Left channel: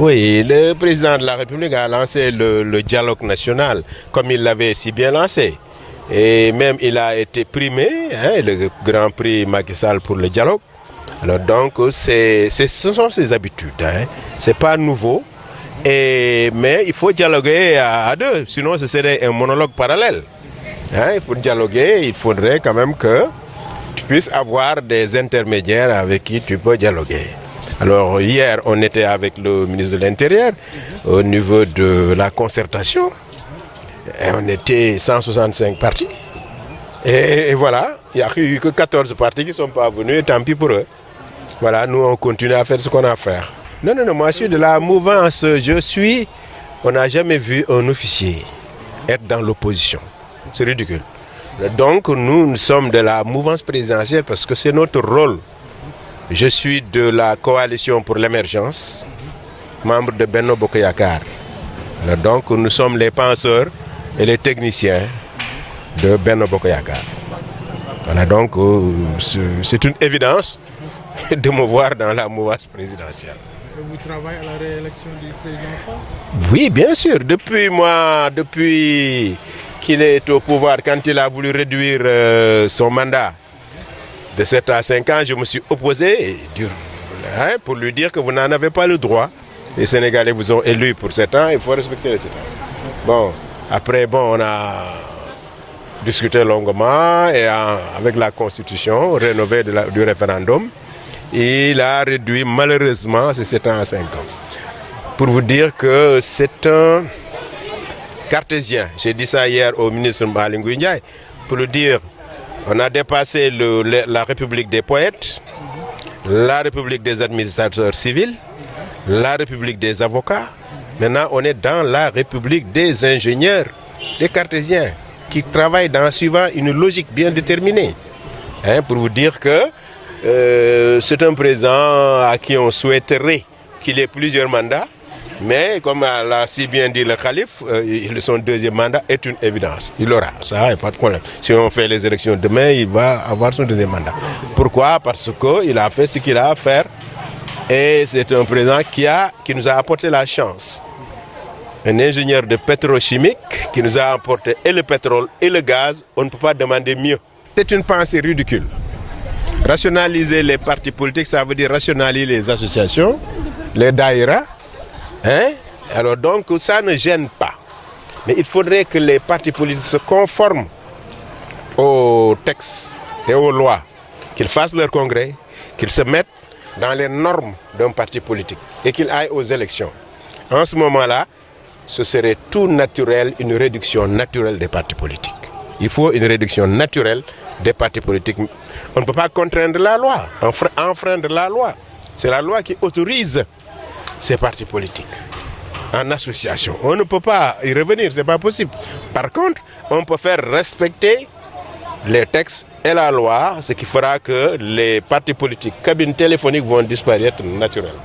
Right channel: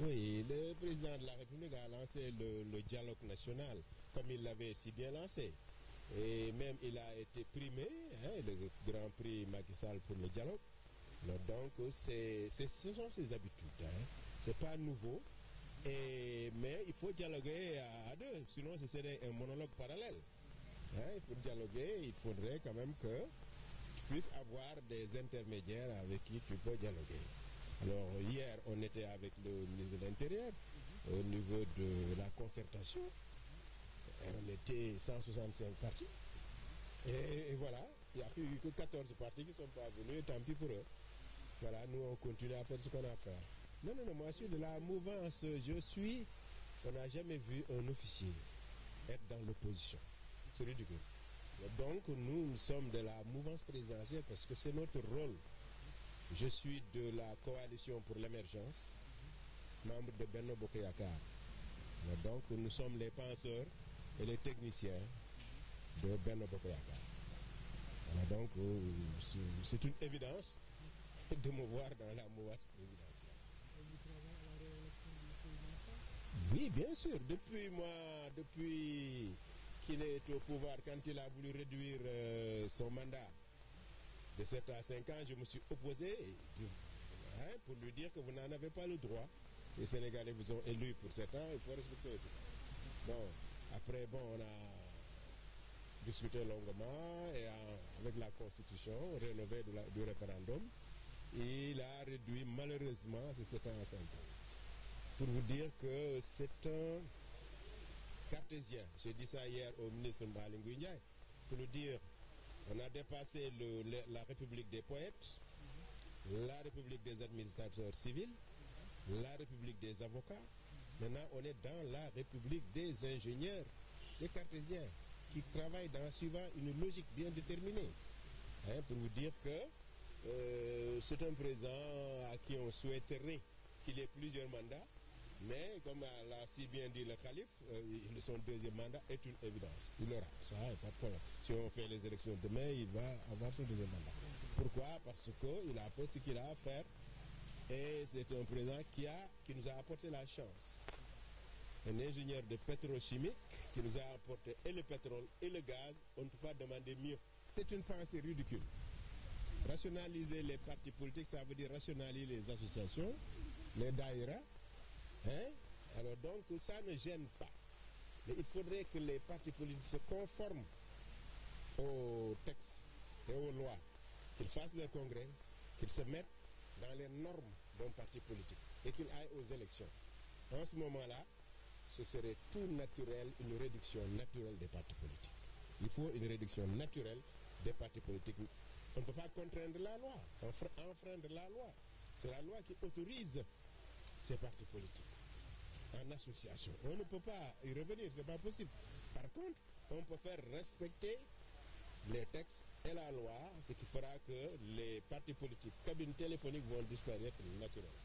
Oui, le président de la République a lancé le dialogue national, comme il l'avait si bien lancé. Et même il a été primé, hein, le Grand Prix Macky Sall pour le dialogue. Alors donc, ce sont ses habitudes, hein. C'est pas nouveau. Mais il faut dialoguer à deux, sinon ce serait un monologue parallèle. Hein, pour dialoguer, il faudrait quand même que tu puisses avoir des intermédiaires avec qui tu peux dialoguer. Alors hier, on était avec le ministre de l'Intérieur au niveau de la concertation. Et on était 165 partis. Et voilà, il n'y a eu que 14 partis qui ne sont pas venus, et tant pis pour eux. Voilà, nous on continue à faire ce qu'on a à faire. Non, moi je suis de la mouvance, on n'a jamais vu un officier être dans l'opposition. C'est ridicule. Donc nous sommes de la mouvance présidentielle parce que c'est notre rôle. Je suis de la coalition pour l'émergence, membre de Benno Bokk Yakaar. Donc nous sommes les penseurs et les techniciens de Benno Bokk Yakaar. Voilà, donc c'est une évidence de me voir dans la mouvance présidentielle. Et vous travaillez à la réélection du président Sall? Oui, bien sûr. Depuis qu'il est au pouvoir, quand il a voulu réduire son mandat de 7 à 5 ans, je me suis opposé pour lui dire que vous n'en avez pas le droit. Les Sénégalais vous ont élu pour 7 ans, il faut respecter les 7 ans. Bon, après, on a discuté longuement et avec la constitution rénovée du référendum, il a réduit malheureusement ces 7 ans à 5 ans. Pour vous dire que c'est un cartésien. J'ai dit ça hier au ministre Aly Ngouille Ndiaye pour lui dire on a dépassé la République des poètes, la République des administrateurs civils, la République des avocats. Maintenant, on est dans la République des ingénieurs, des cartésiens, qui travaillent suivant une logique bien déterminée. Hein, pour vous dire que c'est un président à qui on souhaiterait qu'il ait plusieurs mandats. Mais comme l'a si bien dit le calife, son deuxième mandat est une évidence. Il l'aura, ça, il n'y a pas de problème. Si on fait les élections demain, il va avoir son deuxième mandat. Pourquoi? Parce qu'il a fait ce qu'il a à faire. Et c'est un président qui nous a apporté la chance. Un ingénieur de pétrochimique qui nous a apporté et le pétrole et le gaz. On ne peut pas demander mieux. C'est une pensée ridicule. Rationaliser les partis politiques, ça veut dire rationaliser les associations, les daïras. Hein? Alors donc ça ne gêne pas. Mais il faudrait que les partis politiques se conforment aux textes et aux lois, qu'ils fassent leur congrès, qu'ils se mettent dans les normes d'un parti politique et qu'ils aillent aux élections. En ce moment-là, ce serait tout naturel, une réduction naturelle des partis politiques. Il faut une réduction naturelle des partis politiques. On ne peut pas contraindre la loi, enfreindre la loi. C'est la loi qui autorise ces partis politiques en association. On ne peut pas y revenir, c'est pas possible. Par contre, on peut faire respecter les textes et la loi, ce qui fera que les partis politiques, cabines téléphoniques vont disparaître naturellement.